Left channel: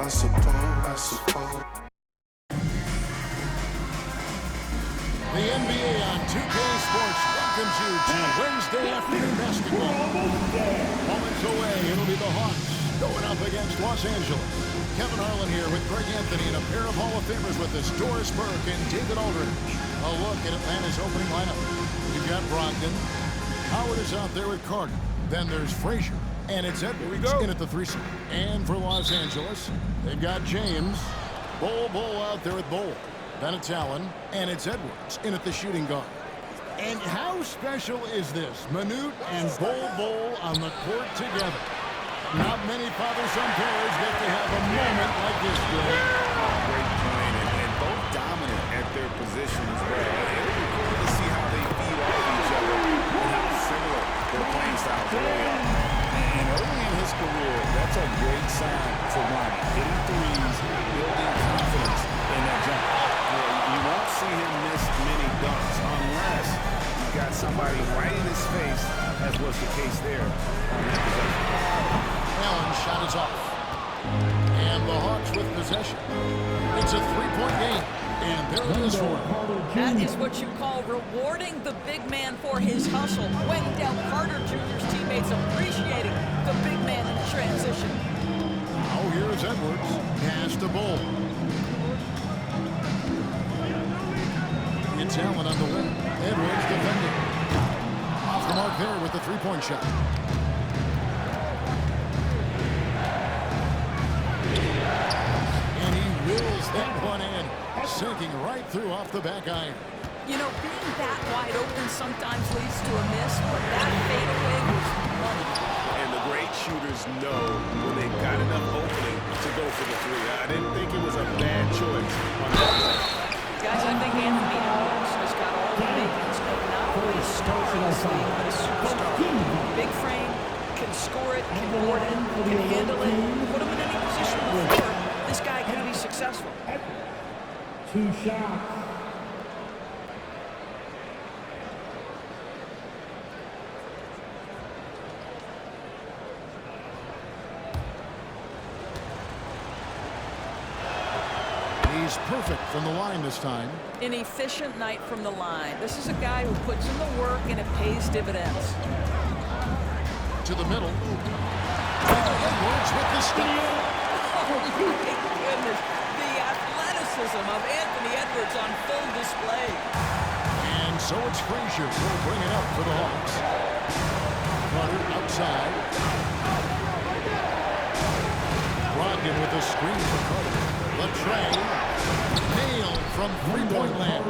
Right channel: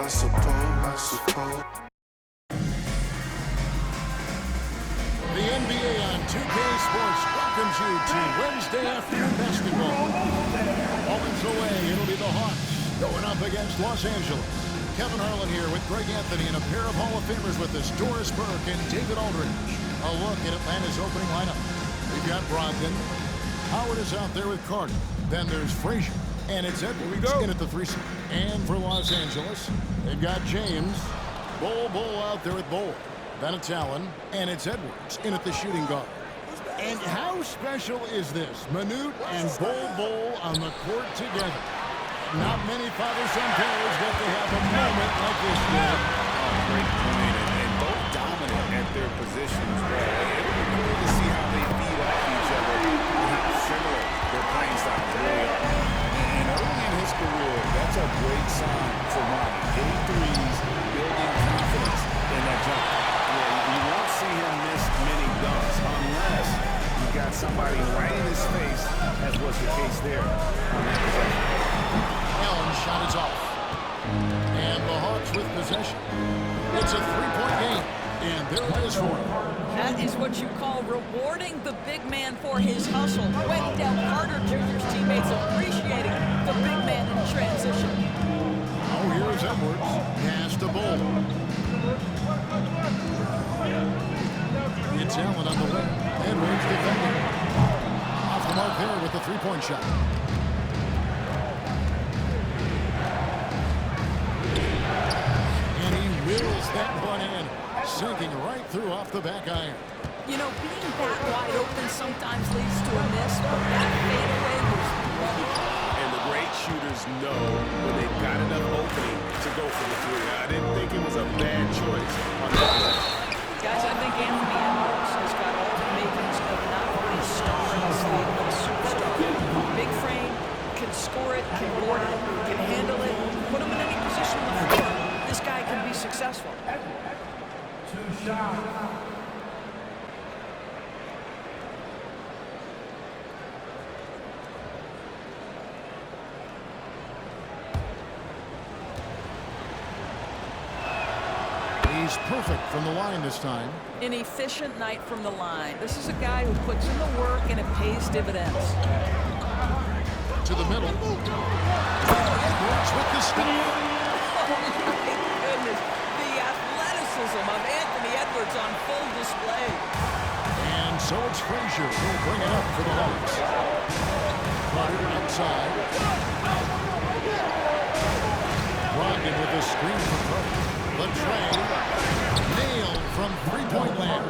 I suppose. The NBA on 2K Sports welcomes you to Wednesday afternoon basketball. Moments away, it'll be the Hawks going up against Los Angeles. Kevin Harlan here with Greg Anthony and a pair of Hall of Famers with us, Doris Burke and David Aldridge. A look at Atlanta's opening lineup. We've got Brogdon. Howard is out there with Carter. Then there's Frazier. And it's Edwards in at the 3 slot. And for Los Angeles, they've got James. Bol out there with Bol. Then it's Allen, and it's Edwards in at the shooting guard. And how special is this? Manute and Bol on the court together. Not many father-son pairs get to have a moment like this, Greg. Oh, great point, and both dominant at their position as well. It'll be cool to see how they feed off each other and how similar their playing styles really are. And early in his career, that's a great sign for Ronnie. Hitting threes, building confidence in that jumper. Yeah, you won't see him miss many dunks unless you've got somebody right in his face, as was the case there on that possession. Allen's shot is off. And the Hawks with possession. It's a three-point game. And there it is for him. That is what you call rewarding the big man for his hustle. Wendell Carter Jr.'s teammates appreciating the big man in transition. Oh, here's Edwards. Pass to Bol. It's Allen on the wing. Edwards defending. Off the mark there with the three-point shot. And he wills that one in, sinking right through off the back iron. You know, being that wide open sometimes leads to a miss, but that fadeaway was money. And the great shooters know when they've got enough opening to go for the three. I didn't think it was a bad choice on that possession. Guys, I think Anthony Edwards has got all the makings of not only a star in this league, but a superstar. Big frame, can score it, can board it, can handle it. Put him in any position on the floor, this guy can be successful. 2 shots. He's perfect from the line this time. An efficient night from the line. This is a guy who puts in the work and it pays dividends. To the middle. Edwards with the stop. Oh, my goodness. The athleticism of Anthony Edwards on full display. And so it's Frazier who'll bring it up for the Hawks. Carter outside. Brogdon with a screen for Carter. Latrey nailed from three-point land.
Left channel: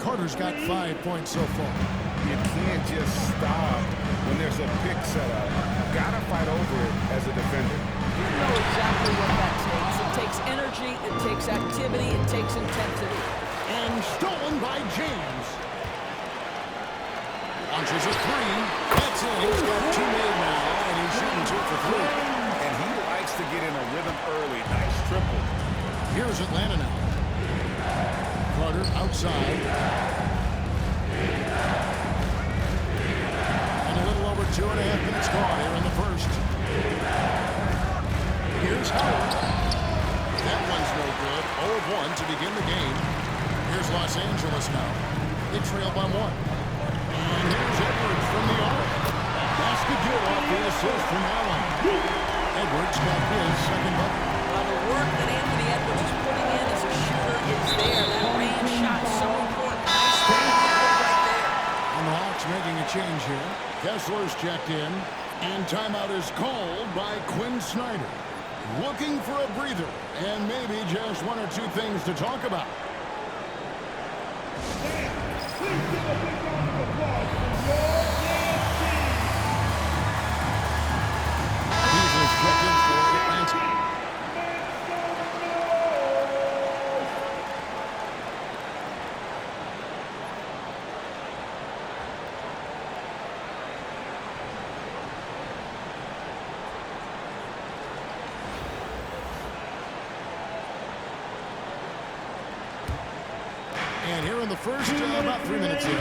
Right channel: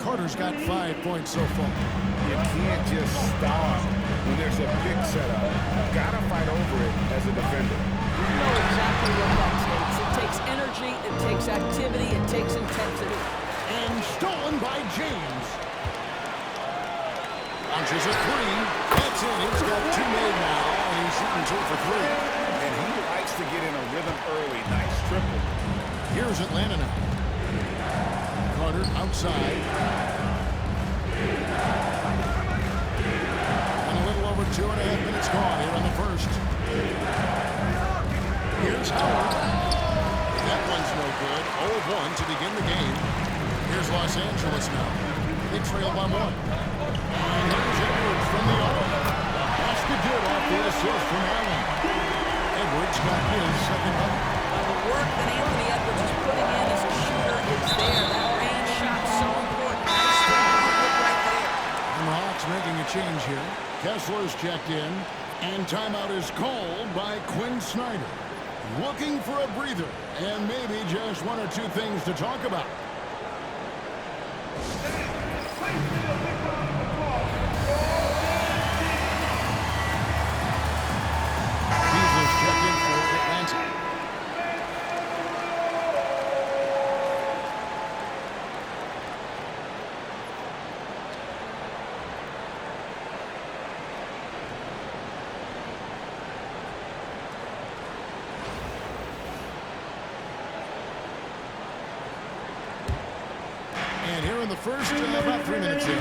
Carter's got 5 points so far. You can't just stop when there's a pick set up. Gotta fight over it as a defender. You know exactly what that takes. It takes energy, it takes activity, it takes intensity. And stolen by James. Launches a three. That's in. He's got 2 made now, and he's shooting 2 for 3. And he likes to get in a rhythm early. Nice triple. Here's Atlanta now. Carter outside. And a little over 2.5 minutes gone here in the first. Here's Howard. That one's no good. 0 of 1 to begin the game. Here's Los Angeles now. They trail by 1. And here's Edwards from the arc. A basket good off the assist from Allen. Edwards got his second bucket. Well, the work that Anthony Edwards is putting in as a shooter is there. That range shot so important. Nice three-point right there. And the Hawks making a change here. Kessler's checked in. And timeout is called by Quinn Snyder. Looking for a breather and maybe just 1 or 2 things to talk about. Beasley's checked in for Atlanta. And here in the first, about 3 minutes in.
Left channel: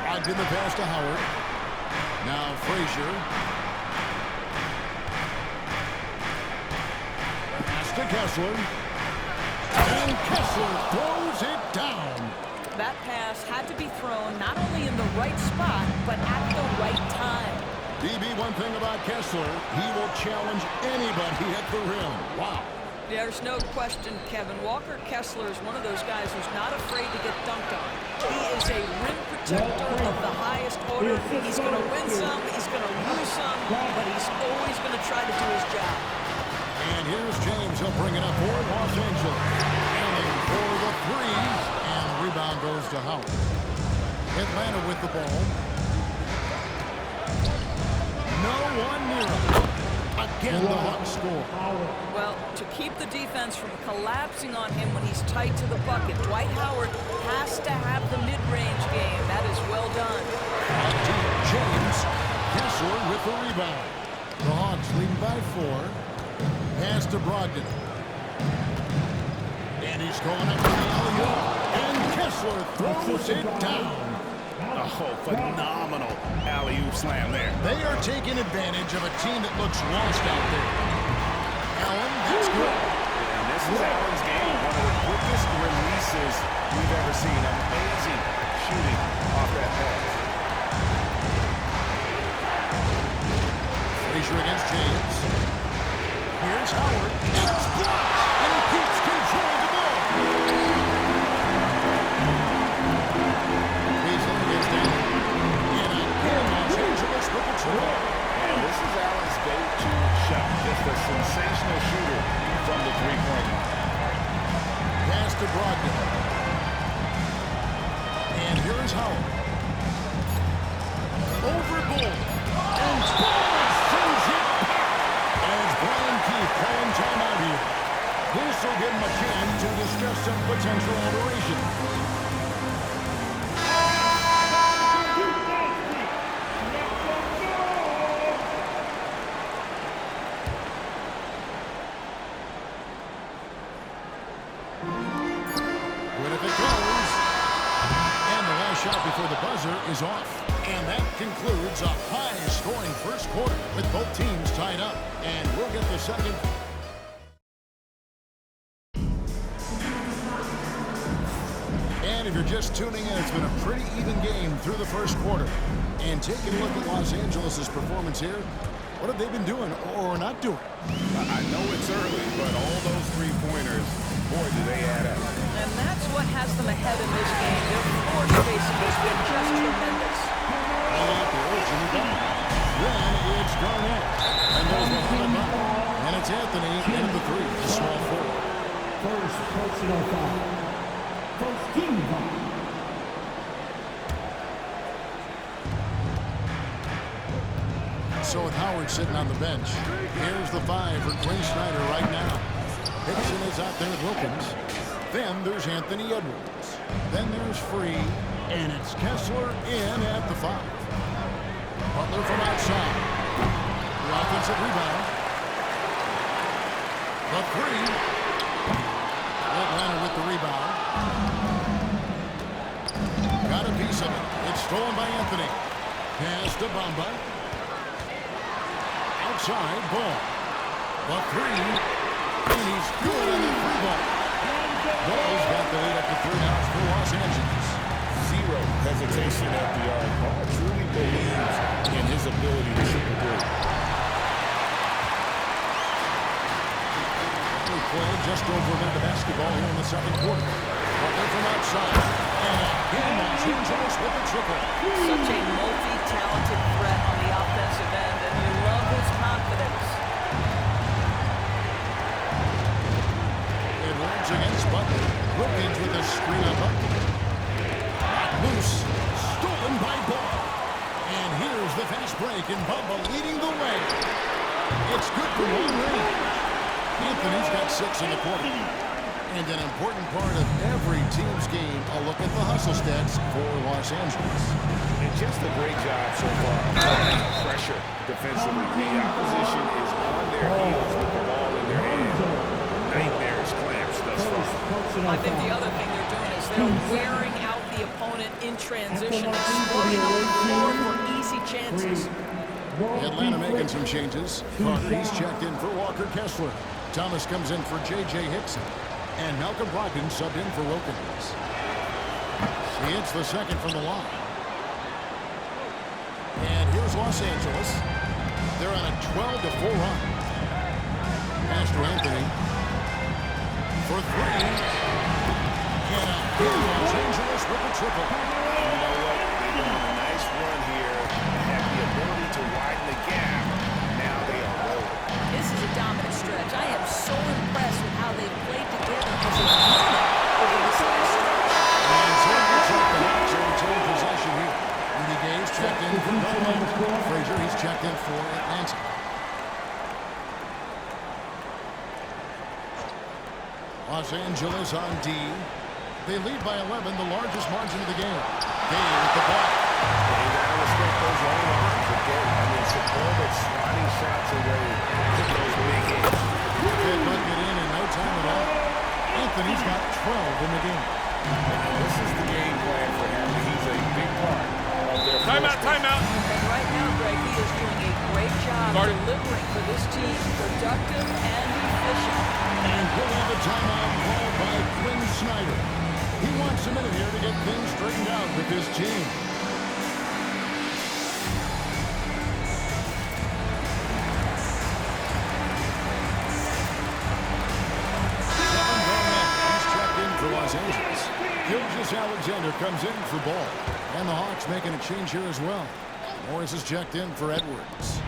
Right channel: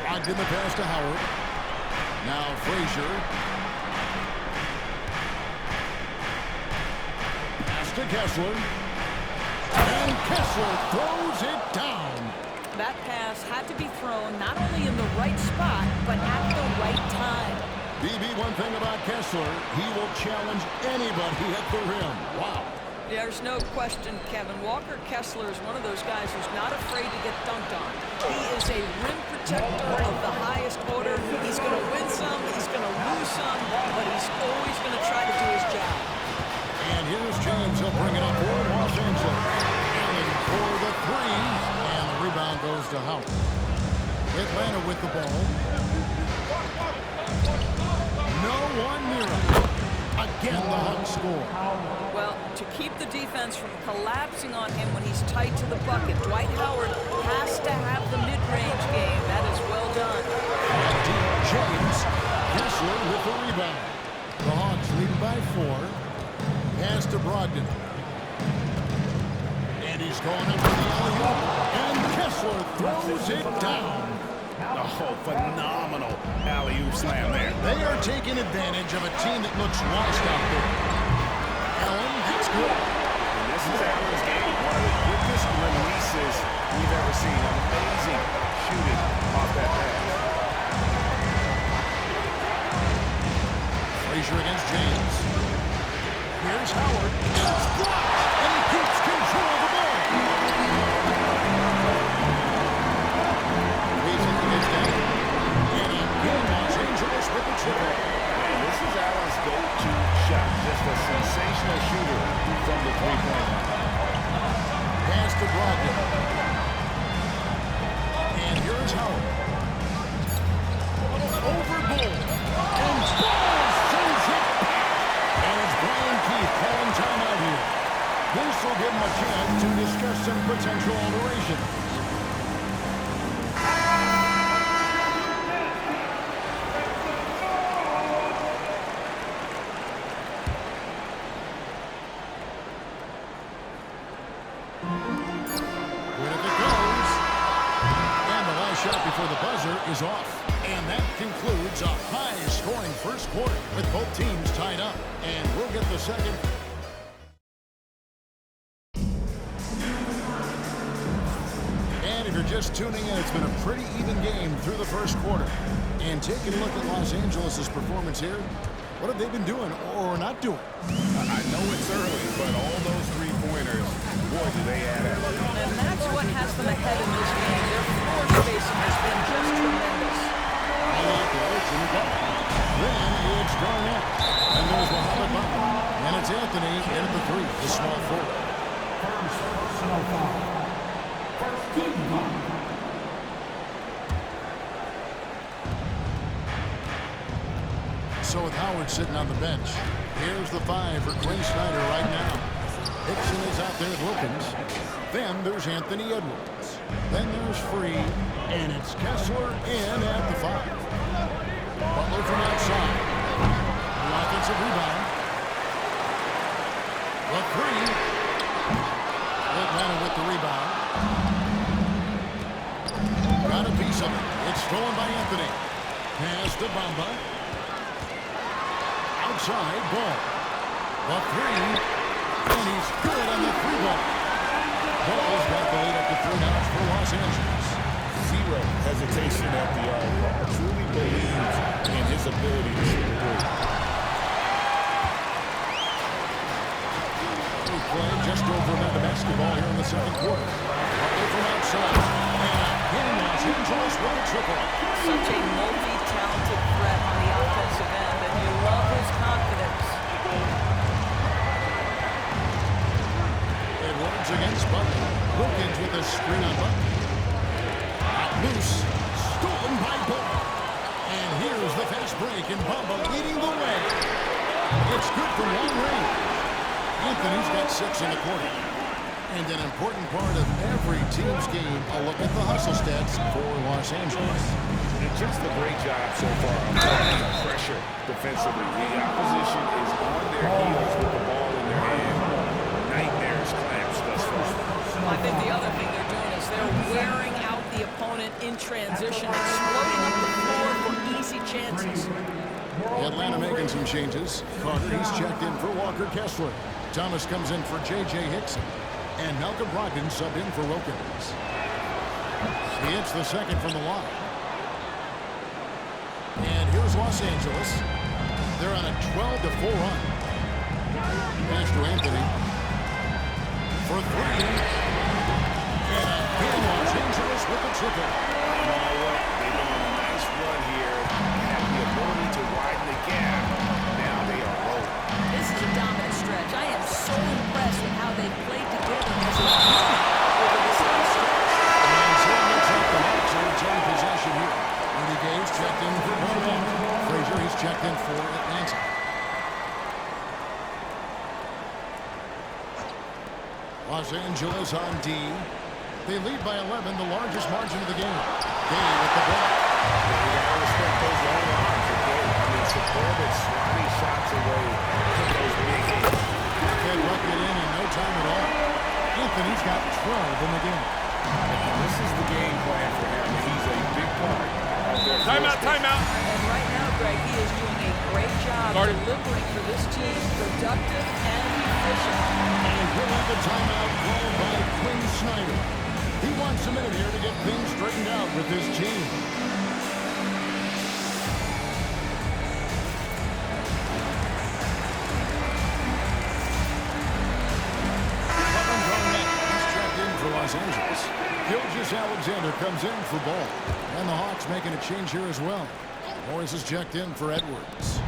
Brogdon the pass to Howard. Now Frazier. to Kessler. And Kessler throws it down. That pass had to be thrown not only in the right spot, but at the right time. BB, one thing about Kessler, he will challenge anybody at the rim. Wow. There's no question, Kevin. Walker Kessler is one of those guys who's not afraid to get dunked on. He is a rim protector of the highest order. He's going to win some, he's going to lose some, but he's always going to try to do his job. And here's James. He'll bring it up for Los Angeles. Allen for the three, and the rebound goes to Howard. Atlanta with the ball. No one near him. Again, the Hawks score. Well, to keep the defense from collapsing on him when he's tight to the bucket, Dwight Howard has to have the mid-range game. That is well done. Deep, James. Kessler with the rebound. The Hawks leading by 4. Pass to Brogdon. And he's going up for the alley-oop. And Kessler throws it down. Oh, phenomenal alley-oop slam there. They are taking advantage of a team that looks lost out there. Allen, that's good. And this is Allen's game. One of the quickest releases we've ever seen. Amazing shooting off that pass. Frazier against James. Here's Howard. It's blocked, and he keeps control of the ball. Pacing against Allen. And again, Los Angeles with the triple. And this is Allen's go-to shot. Just a sensational shooter from the three-point line. Pass to Brogdon. And here's Howard. Over Bull. And Bull sends it back. And it's Brian Keefe calling timeout here. This will give him a chance to discuss some potential alterations. Good if it goes. And the last shot before the buzzer is off. And that concludes a high-scoring first quarter with both teams tied up. And we'll get the second. And if you're just tuning in, it's been a pretty even game through the first quarter. And taking a look at Los Angeles' performance here, what have they been doing or not doing? I know it's early, but all those three-pointers, boy, do they add up. And that's what has them ahead in this game. Their floor spacing has been just tremendous. All out there, Jimmy Butler. Then it's Garnett. And there's Mohamed Butler. And it's Anthony in at the 3, the small forward. First personal foul. First team foul. So with Howard sitting on the bench, here's the 5 for Quinn Snyder right now. Hickson is out there with Wilkins. Then there's Anthony Edwards. Then there's Free. And it's Kessler in at the 5. Butler from outside. The offensive rebound. The 3. Atlanta with the rebound. Got a piece of it. It's stolen by Anthony. Pass to Bamba. Outside ball. The 3. And he's good on the 3 ball. Ball's got the lead up to 3 now for Los Angeles. Zero hesitation at the arc. Ball truly believes in his ability to shoot the three. We play just over a minute of basketball here in the second quarter. Butler from outside. And again, Los Angeles with the triple. Such a multi-talented threat on the offensive end, and you love his confidence. Edwards against Butler. Wilkins with a screen on Butler. Not loose. Stolen by Ball. And here's the fast break, and Bamba leading the way. It's good for long range. Anthony's got 6 in the quarter. And an important part of every team's game, a look at the hustle stats for Los Angeles. And just a great job so far of applying pressure defensively. The opposition is on their heels with the ball in their hand. Nightmares clamps thus far. I think the other thing they're doing is they're wearing out the opponent in transition, exploding up the floor for easy chances. Atlanta making some changes. Carter, he's checked in for Walker Kessler. Thomas comes in for J.J. Hickson. And Malcolm Brogdon subbed in for Wilkins. He hits the second from the line. And here's Los Angeles. They're on a 12-4 run. Pass to Anthony. For three. And again, Los Angeles with the triple. And you know what? They've been on a nice run here. They have the ability to widen the gap. Now they are rolling. This is a dominant stretch. I am so impressed with how they've played together as a unit over this last stretch. And so it looks like the Hawks will return possession here. Rudy Gay's checked in for Garnett. Frazier, he's checked in for Atlanta. Los Angeles on D. They lead by 11, the largest margin of the game. Gay with the block. Yeah, you got to respect those long arms of Gay. I mean, superb at swatting shots away from those big hits. Kid bucket in no time at all. Anthony's got 12 in the game. And this is the game plan for him. He's a big part of their Timeout, timeout. And right now, Greg, he is doing a great job delivering for this team. Productive and efficient. And we'll have a timeout called by Quinn Snyder. He wants a minute here to get things straightened out with his team. Kevin Garnett, he's checked in for Los Angeles. Gilgeous-Alexander comes in for Ball. And the Hawks making a change here as well. Morris is checked in for Edwards.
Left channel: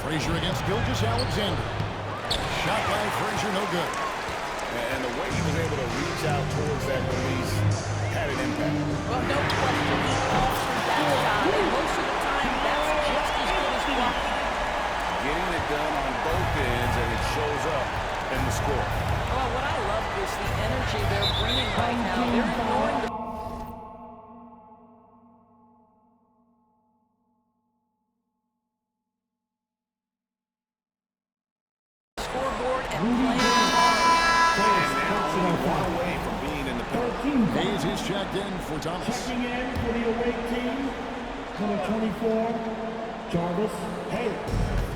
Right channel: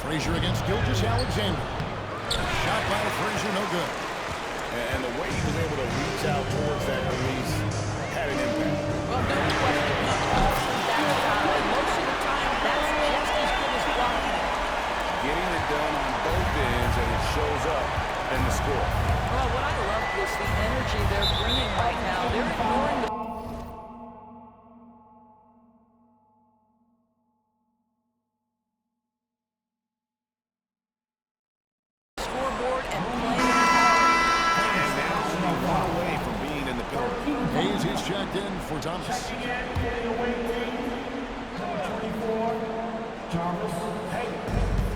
Frazier against Gilgeous-Alexander. Shot by Frazier, no good. And the way he was able to reach out towards that release had an impact. Well, no question. He altered that shot, and most of the time, that's just as good as blocking it. Getting it done on both ends, and it shows up in the score. Well, what I love is the energy they're bringing right now. They're ignoring the scoreboard and playing hard. And now only one away from being in the penalty. Hayes is checked in for Thomas. Checking in for the away team, number 24, Jarvis Hayes.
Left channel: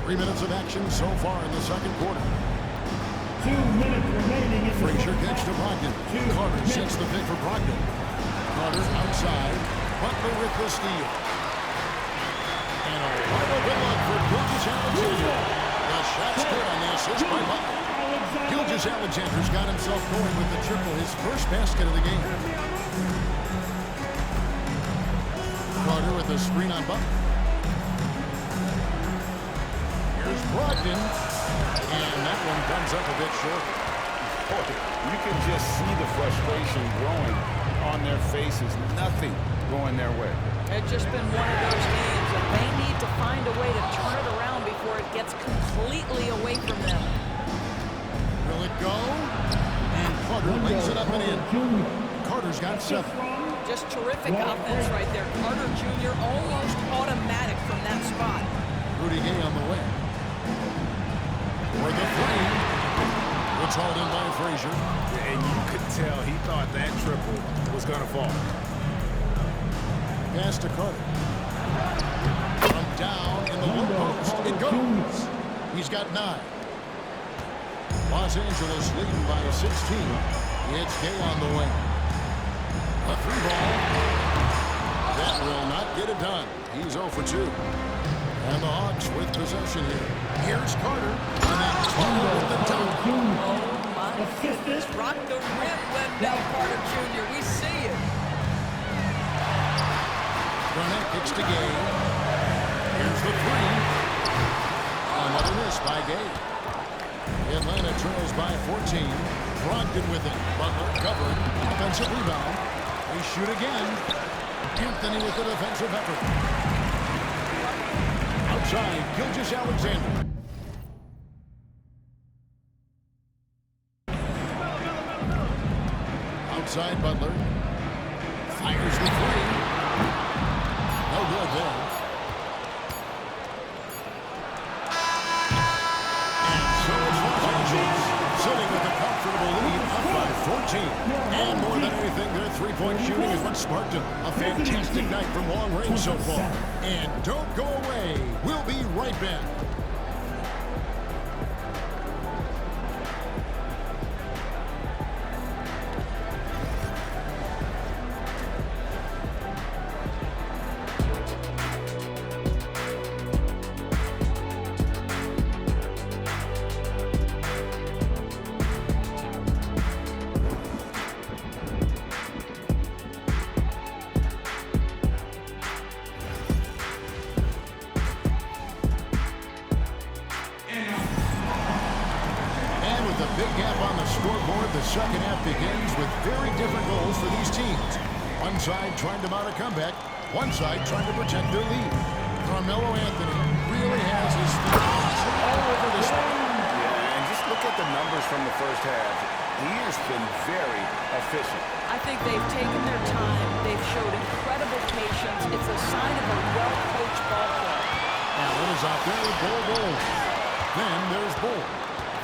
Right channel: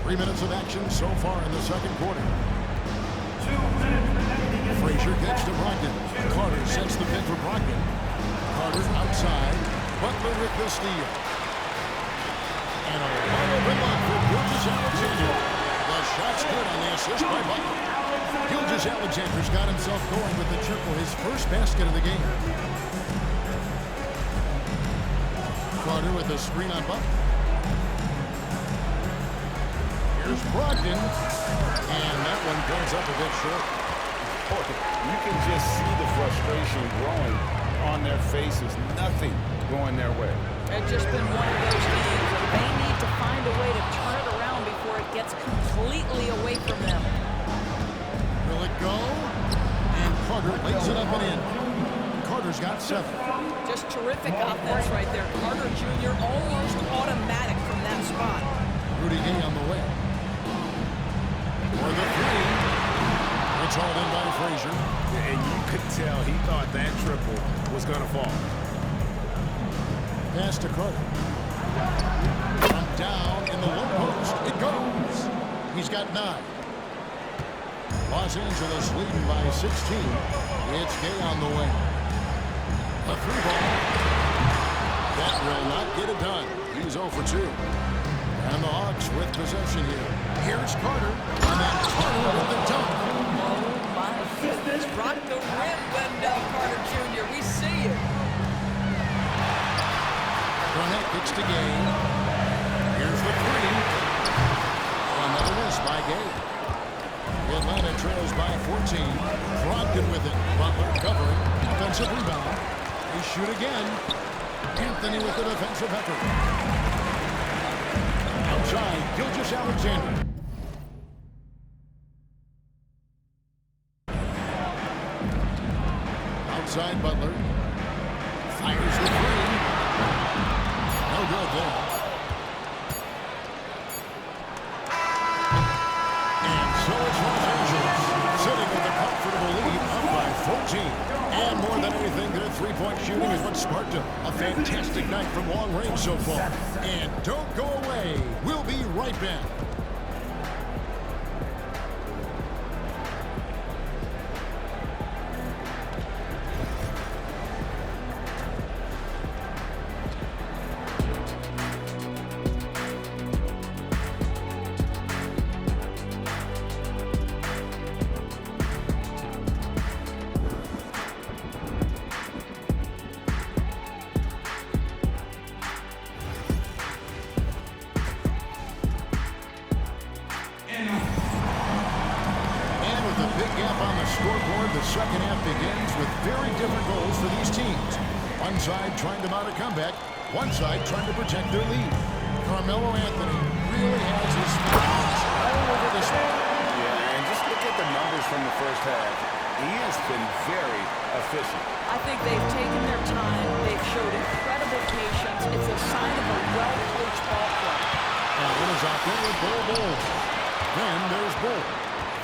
3 minutes of action so far in the second quarter. 2 minutes remaining in the Frazier first kicks to half. Brogdon. Carter sets the pick for Brogdon. Carter outside. Butler with the steal. And a wide open look for Gilgeous-Alexander. The shot's good on the assist by Butler. Gilgeous-Alexander's got himself going with the triple, his first basket of the game. Carter with the screen on Butler. Here's Brogdon. And that one comes up a bit short. Boy, you can just see the frustration growing on their faces. Nothing going their way. It's just been one of those games, and they need to find a way to turn it around before it gets completely away from them. Will it go? And Carter lays it up and in. Carter's got 7. Just terrific offense right there. Carter Jr. almost automatic from that spot. Rudy Gay on the way. For the 3. It's hauled in by Frazier. And you could tell he thought that triple was going to fall. Pass to Carter. From down in the low post. It goes. He's got 9. Los Angeles leading by 16. It's Gay on the way. A 3-ball. That will not get it done. He's 0 for 2. And the Hawks with possession here. Here's Carter. And then Carter with the dunk. Oh, my goodness. Rock the rim, Wendell Carter Jr. We see it. Garnett kicks to Gay. Here's the 3. Another miss by Gay. Atlanta trails by 14. Brogdon with it. Butler covering. Offensive rebound. They shoot again. Anthony with the defensive effort. Outside, Gilgeous-Alexander. Outside, Butler. Fires the 3. No good there. And so it's Los Angeles, sitting with a comfortable lead, up by 14. And more than anything, their three-point shooting is what sparked a fantastic night from long range so far. And don't go away. We'll be right back. Big gap on the scoreboard. The second half begins with very different goals for these teams. One side trying to mount a comeback, one side trying to protect their lead. Carmelo Anthony really has his fingers all over this one. Yeah, and just look at the numbers from the first half. He has been very efficient. I think they've taken their time. They've showed incredible patience. It's a sign of a well-coached ball club. Allen is out there with Bull. Then there's Bull.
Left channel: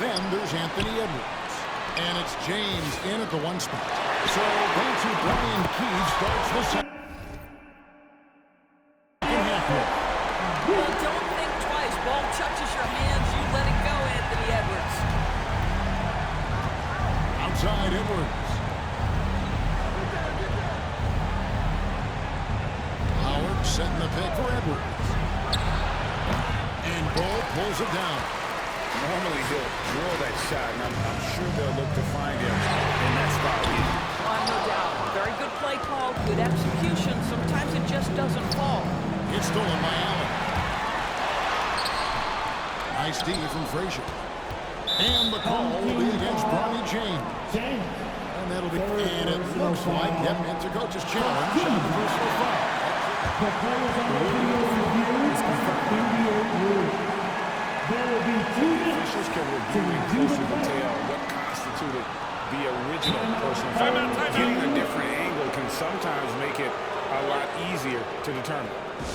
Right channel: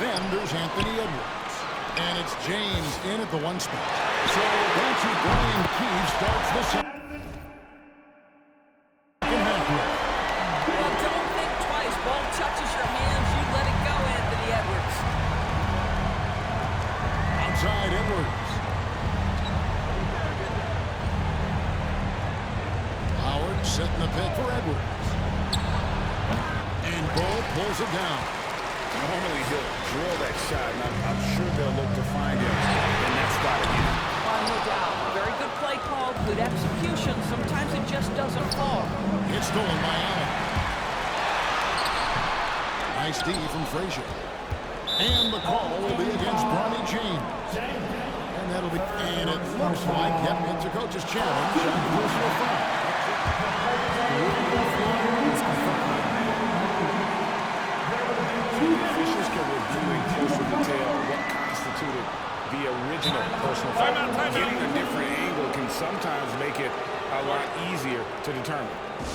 Then there's Anthony Edwards. And it's James in at the one spot. So that's who Brian Keefe starts the second half with. Well, don't think twice. Ball touches your hands, you let it go, Anthony Edwards. Outside Edwards. Howard setting the pick for Edwards. And Bull pulls it down. Normally he'll drill that shot, and I'm sure they'll look to find him in that spot again. No doubt. Very good play call, good execution. Sometimes it just doesn't fall. It's stolen by Allen. Nice D from Frazier. And the call will be against Bronny James. And that'll be, and it looks like, yep, it's a coach's challenge on the personal foul. The ruling on the floor is confirmed. The officials can review in closer detail what constituted the original personal foul. Getting a different angle can sometimes make it a lot easier to determine.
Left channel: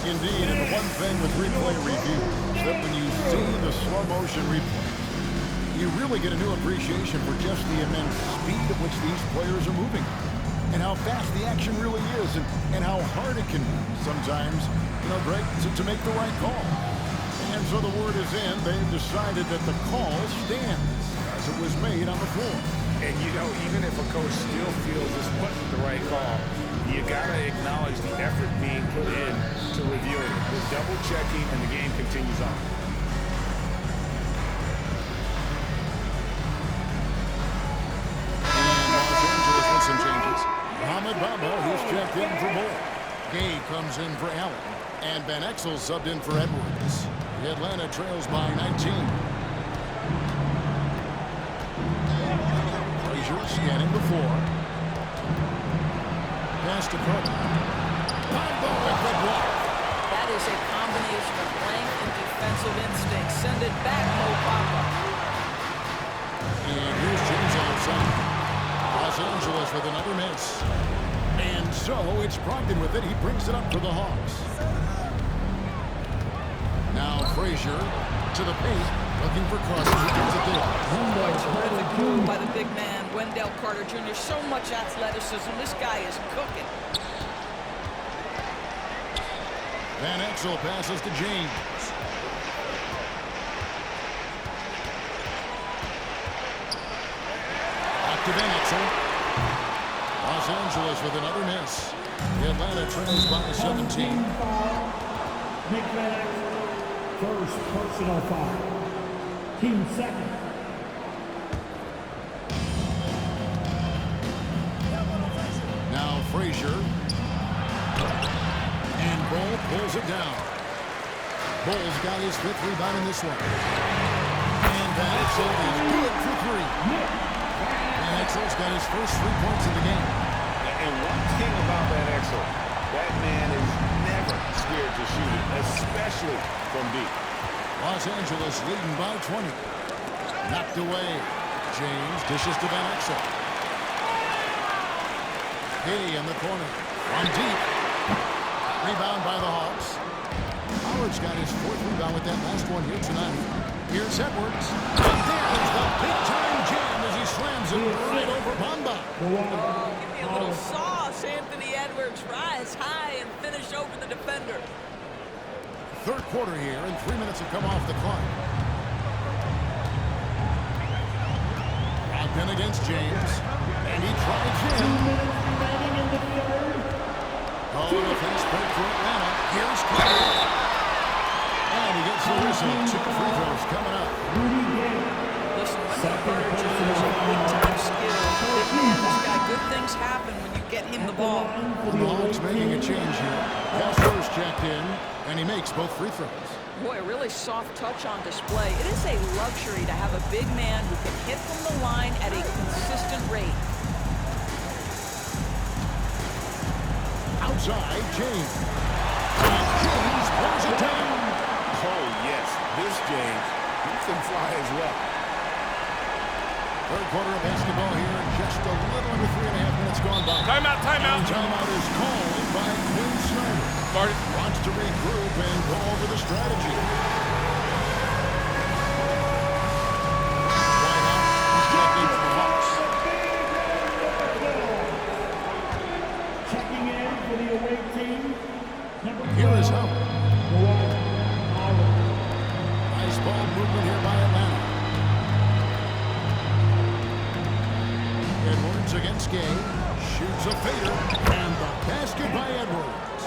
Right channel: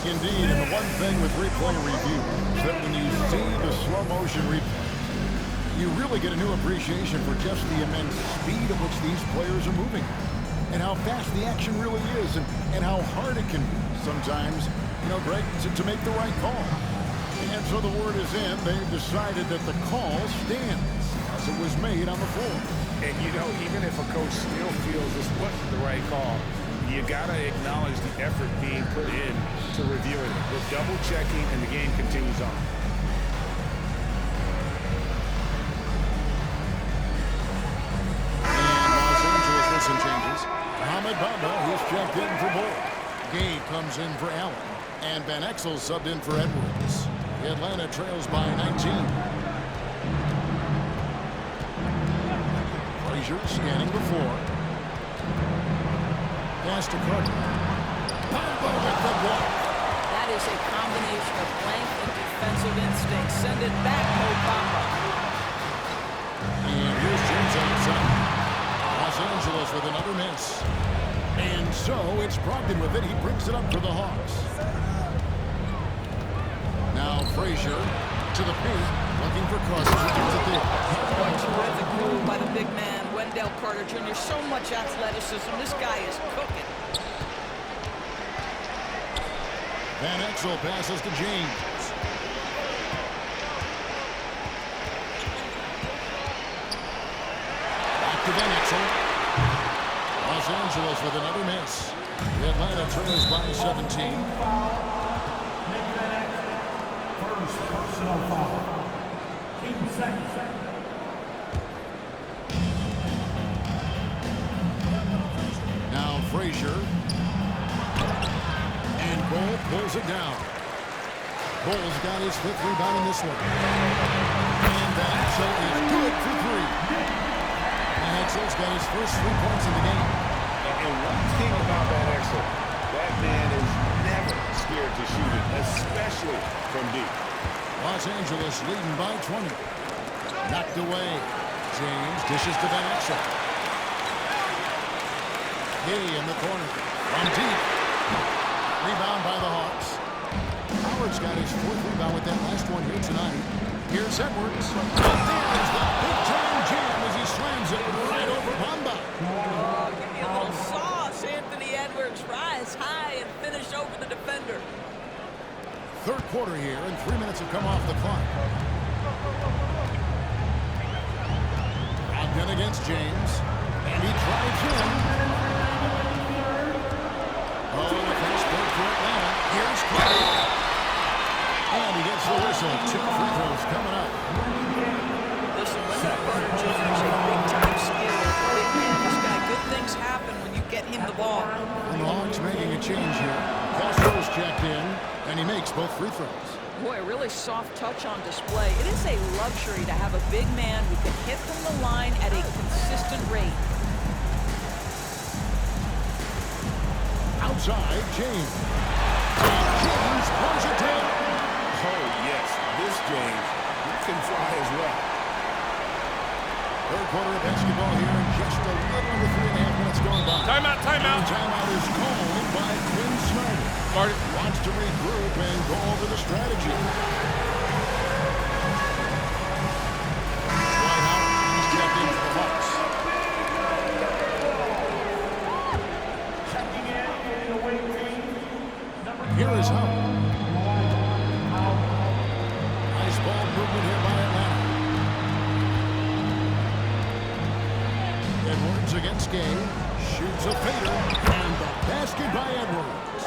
Indeed, and the one thing with replay review is that when you see the slow motion replay, you really get a new appreciation for just the immense speed at which these players are moving and how fast the action really is and how hard it can be sometimes, you know, Greg, to make the right call. And so the word is in. They've decided that the call stands as it was made on the floor. And, you know, even if a coach still feels this wasn't the right call, you got to acknowledge the effort being put in to reviewing it. The double checking, and the game continues on. And Los Angeles with some changes. Mohamed Bamba, he's checked in for Bull. Gay comes in for Allen. And Van Exel subbed in for Edwards. The Atlanta trails by 19. Frazier scanning the floor. Pass to Carter. Bamba with the block. That is a combination of length and defensive instinct. Send it back, Mo Bamba. And here's James outside. Los Angeles with another miss. And so it's Brogdon with it. He brings it up for the Hawks. Now Frazier to the paint, looking for Carter. He gets it there. Boy, terrific move by the big man, Wendell Carter Jr. So much athleticism. This guy is cooking. Van Exel passes to James. Back to Van Exel. Los Angeles with another miss. The Atlanta trails by 17. Nick Van Exel, first personal foul. Team second. Now Frazier. And Bull pulls it down. Bull's got his fifth rebound in this one. And Van Exel is good for three. Van Exel's got his first 3 points of the game. And one thing about Van Exel, that man is never scared to shoot it, especially from deep. Los Angeles leading by 20. Knocked away. James dishes to Van Exel. Gay in the corner. From deep. Rebound by the Hawks. Howard's got his fourth rebound with that last one here tonight. Here's Edwards. And there's the big-time jam as he slams it right over Bamba. Oh, give me a little sauce, Anthony Edwards. Rise high and finish over the defender. Third quarter here, and 3 minutes have come off the clock. Brogdon against James. And he drives in. Oh, and a fast break for Atlanta. Here's Clay. And he gets the whistle. 2 free throws coming up. Listen, Wendell Carter Jr. is a big-time skill. Big man, this guy, good things happen when you get him the ball. And the Hawks making a change here. Castro's checked in, and he makes both free throws. Boy, a really soft touch on display. It is a luxury to have a big man who can hit from the line at a consistent rate. Outside, James. And James throws it down. Oh, yes. This James, he can fly as well. Third quarter of basketball here, and just a little under 3.5 minutes gone by. Timeout, timeout. And timeout is called by Quinn Snyder. Marty. Wants to regroup and go over the strategy. Dwight Howard, he's checked in for the Hawks. Checking in for the away team. Here is Howard. Nice ball movement here by Atlanta. Edwards against Gay. Shoots a fader. And the basket by Edwards.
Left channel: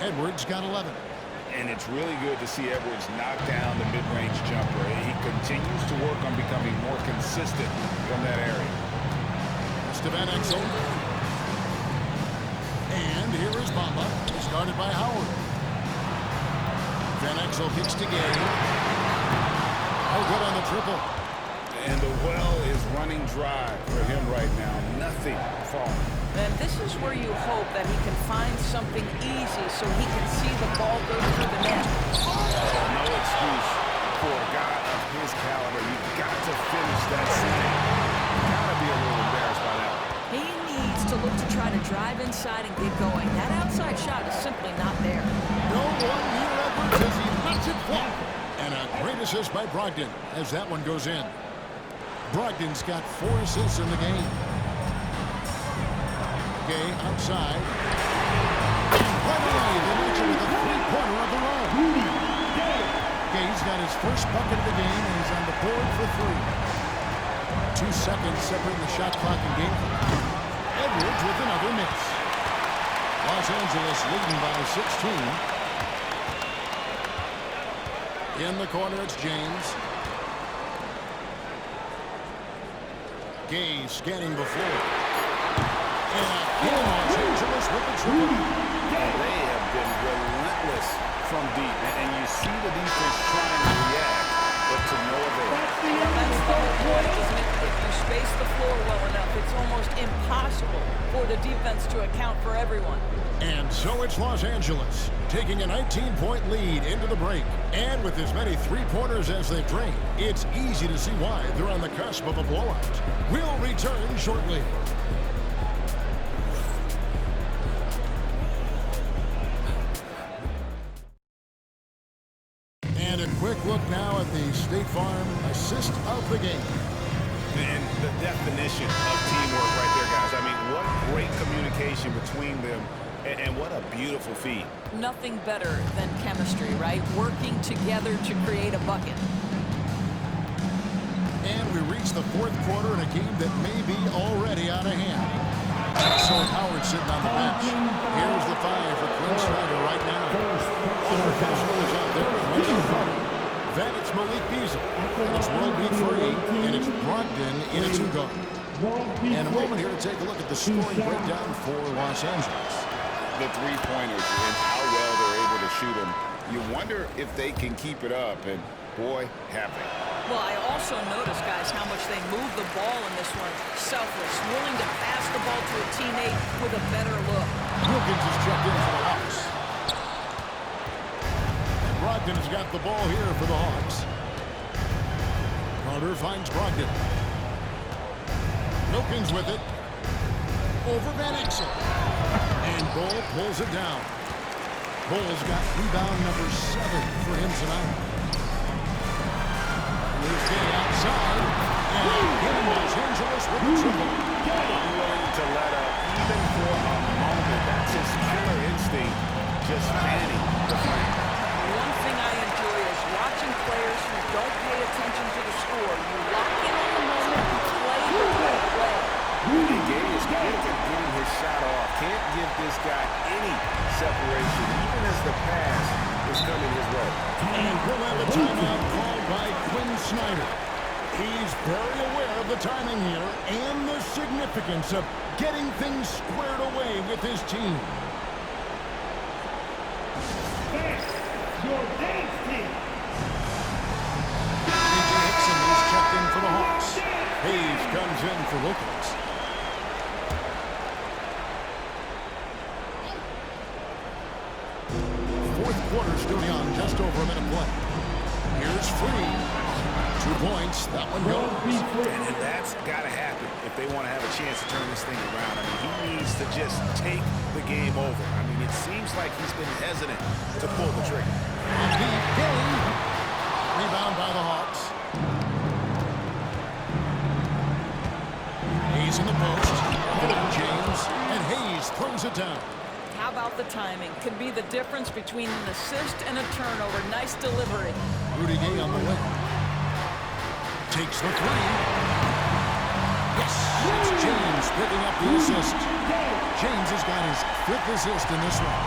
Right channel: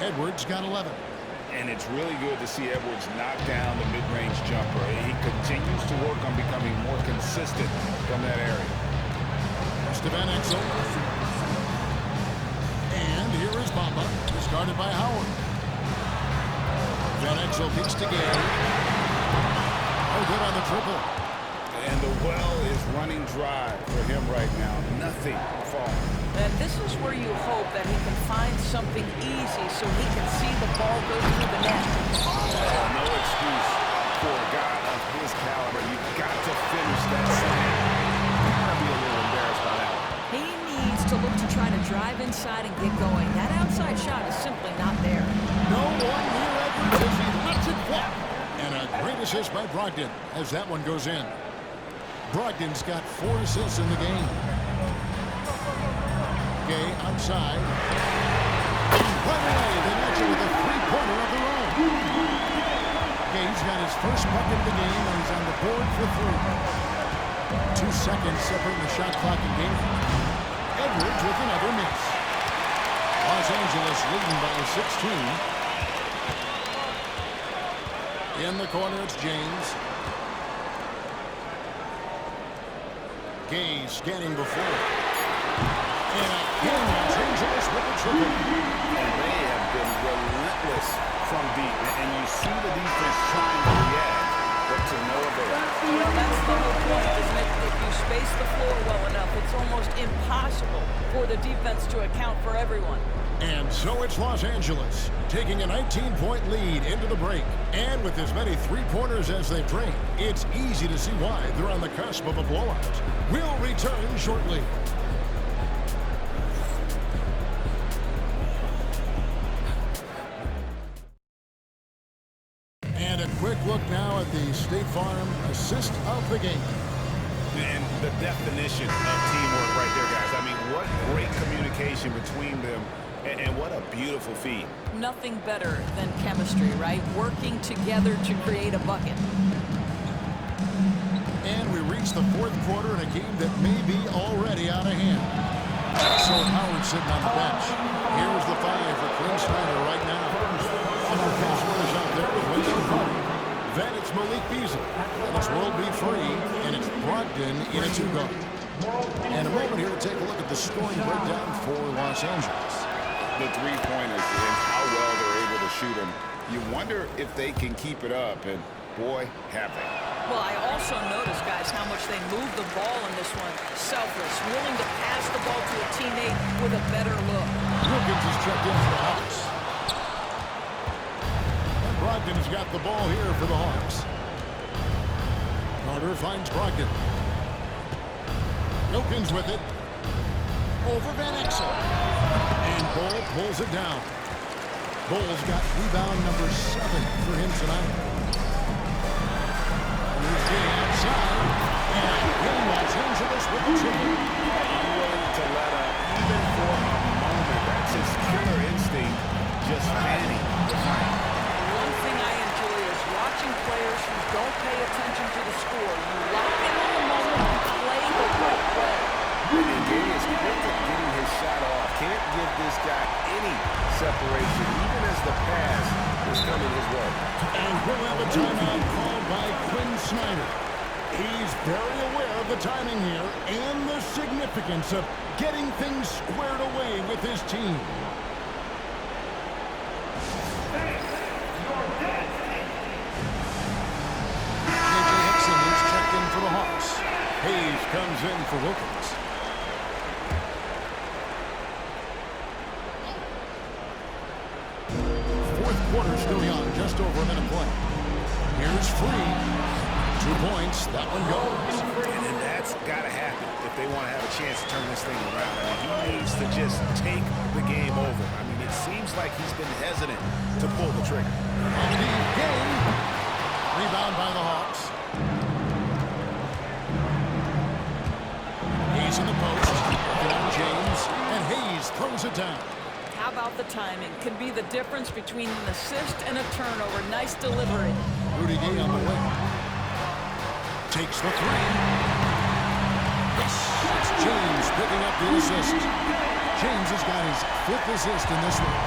Edwards got 11. And it's really good to see Edwards knock down the mid-range jumper. He continues to work on becoming more consistent from that area. To Van Exel. And here is Bamba. Discarded by Howard. Van Exel kicks to Gay. Oh, good on the triple. And the well is running dry for him right now. Nothing falling. And this is where you hope that he can find something easy so he can see the ball go through the net. No excuse for a guy of his caliber. You've got to finish that slam. Gotta be a little embarrassed by that one. He needs to look to try to drive inside and get going. That outside shot is simply not there. No one near Edwards as he lets it fly. And a great assist by Brogdon as that one goes in. Brogdon's got 4 assists in the game. Gay outside. And right away, they match it with a three-pointer of their own. Gay's got his first bucket of the game, and he's on the board for 3. 2 seconds separating the shot clock and game clock. Edwards with another miss. Los Angeles leading by 16. In the corner, it's James. Gay scanning the floor. And again, Los Angeles with the triple. And they have been relentless from deep. And you see the defense trying to react, but to no avail. Well, that's the whole point, isn't it? If you space the floor well enough, it's almost impossible for the defense to account for everyone. And so it's Los Angeles taking a 19-point lead into the break. And with as many three-pointers as they've drained, it's easy to see why they're on the cusp of a blowout. We'll return shortly. And a quick look now at the State Farm assist of the game. And the definition of teamwork right there, guys. I mean, what great communication between them, and what a beautiful feed. Nothing better than chemistry, right? Working together to create a bucket. And we reach the fourth quarter in a game that may be already out of hand. So Howard sitting on the bench. Here's the 5 for Quinn Snyder right now. Walker Kessler is out there with Wendell Carter. Then it's Malik Beasley. And it's World B. Free. And it's Brogdon in a 2-guard. And a moment here to take a look at the scoring breakdown for Los Angeles. The three-pointers and how well they're able to shoot them. You wonder if they can keep it up, and boy, have they. Well, I also noticed, guys, how much they move the ball in this one. Selfless, willing to pass the ball to a teammate with a better look. Wilkins is checked in for the Hawks. And Brogdon has got the ball here for the Hawks. Carter finds Brogdon. Wilkins with it. Over Van Exel. And Bull pulls it down. Bull's got rebound number 7 for him tonight. And here's Gay outside. And again, Los Angeles with the triple. Unwilling to let up even for a moment. That's his killer instinct, just fanning the flame. One thing I enjoy is watching players who don't pay attention to the score. You lock in on the moment and play the right way. And Gay is quick at getting his shot off. Can't give this guy any separation, even as the pass is coming his way. And we'll have a timeout called by Quinn Snyder. He's very aware of the timing here and the significance of getting things squared away with his team. Your dance team. J.J. Hickson is checked in for the Hawks. Hayes comes in for Wilkins. Fourth quarter still young, just over a minute play. Here's Free. 2 points. That one goes. And that's got to happen if they want to have a chance to turn this thing around. I mean, he needs to just take the game over. I mean, it seems like he's been hesitant to pull the trigger. On the game. Rebound by the Hawks. Hayes in the post. Working on James. And Hayes throws it down. How about the timing? Can be the difference between an assist and a turnover. Nice delivery. Rudy Gay on the wing. Takes the 3. Yes, it's James picking up the assist. James has got his 5th assist in this one.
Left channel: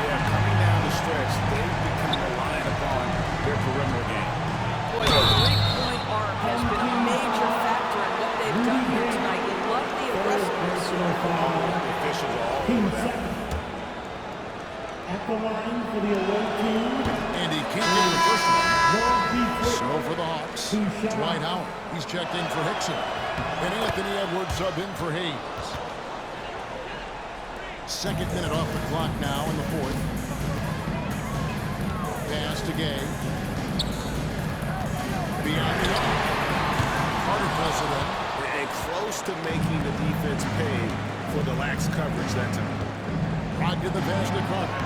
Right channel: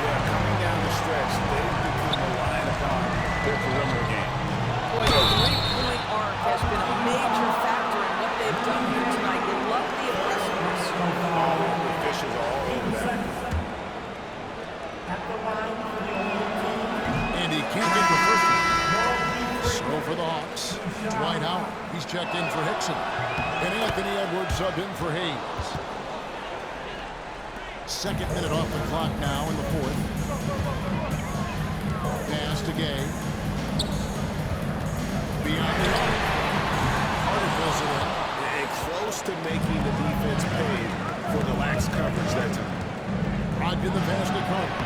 Yeah, coming down the stretch, they've become reliant upon their perimeter game. Boy, the three-point arc has been a major factor in what they've done here tonight. You love the aggressiveness. All the officials are all over that. At the line for the away team. And he can't get the first one. So for the Hawks, Dwight Howard. He's checked in for Hickson. And Anthony Edwards subbed in for Hayes. 2nd minute off the clock now in the 4th. Pass to Gay. Beyond the arc. Carter fills it in. And close to making the defense pay for the lax coverage that time. Brogdon the pass to Carter.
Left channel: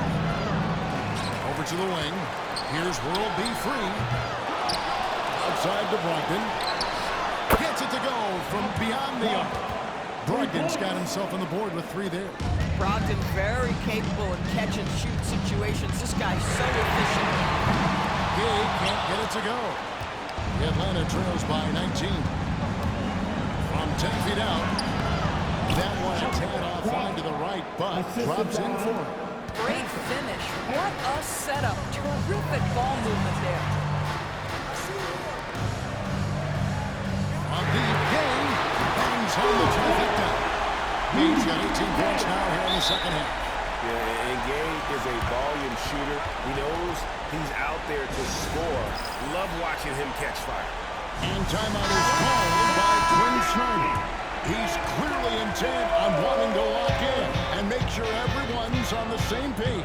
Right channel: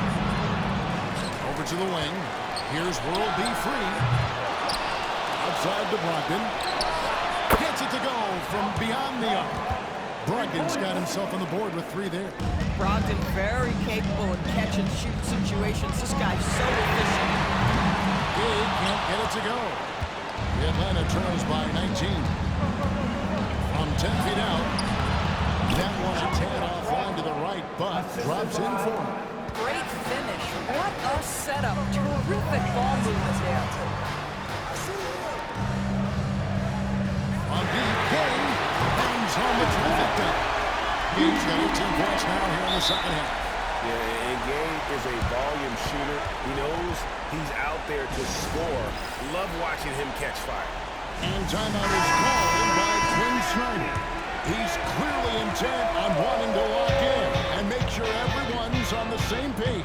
Over to the wing. Here's World B. Free. Outside to Brogdon. Gets it to go from beyond the arc. Brogdon's got himself on the board with 3 there. Brogdon very capable in catch-and-shoot situations. This guy's so efficient. Gay can't get it to go. The Atlanta trails by 19. From 10 feet out. That one a tad offline to the right, but drops in for him. Great finish. What a setup. Terrific ball movement there. On deep, Gay bangs home the trifecta. Gay's got 18 points now here in the 2nd half. Yeah, and Gay is a volume shooter. He knows he's out there to score. Love watching him catch fire. And timeout is called by Quinn Snyder. He's clearly intent on wanting to lock in and make sure everyone's on the same page.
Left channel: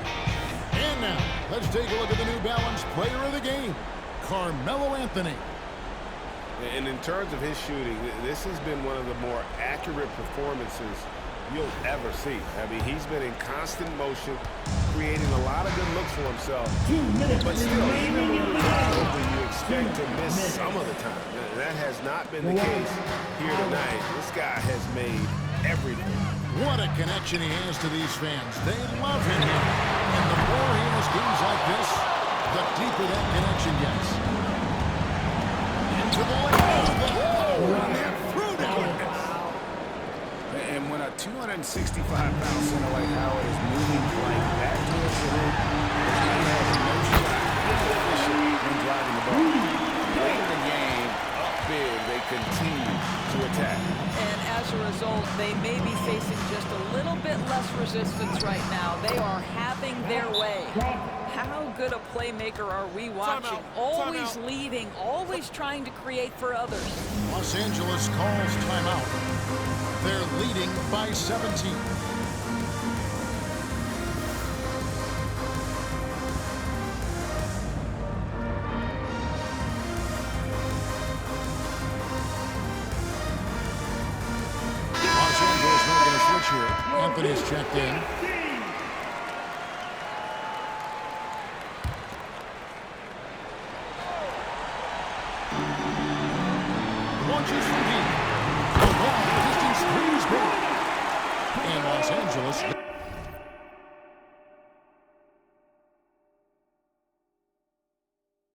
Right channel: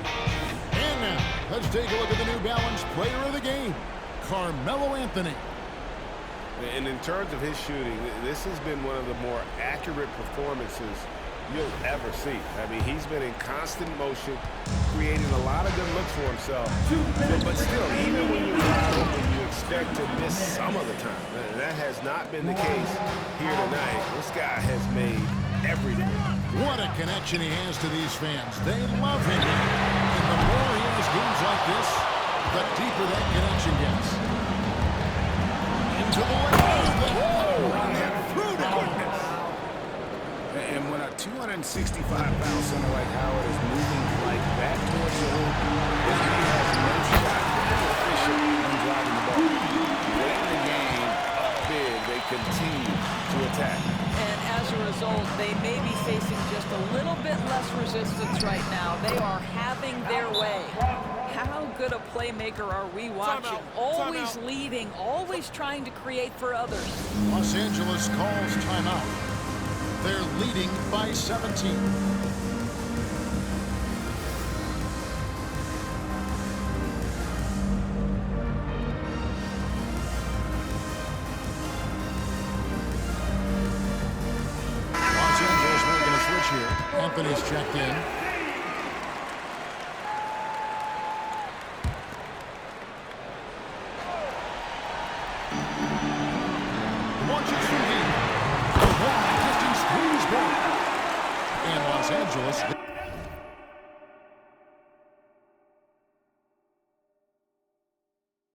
And now, let's take a look at the New Balance player of the game, Carmelo Anthony. And in terms of his shooting, this has been one of the more accurate performances you'll ever see. I mean, he's been in constant motion, creating a lot of good looks for himself. But still, even when you're wide open, you expect to miss some of the time. That has not been the case here tonight. This guy has made everything. What a connection he has to these fans. They love him here. And the more he has games like this, the deeper that connection gets. Into the lane. Run that through down. And when a 265-pound center like Howard is moving like that towards the hoop, he has no shot. Inefficient when driving the ball. Late in the game, up big, they continue to attack. And as a result, they may be facing just a little bit less resistance right now. They are having their way. How good a playmaker are we watching? Always leading, always trying to create for others. Los Angeles calls timeout. They're leading by 17. Los Angeles making a switch here. Anthony's checked in. Launches from deep. The long distance 3 is good. And Los Angeles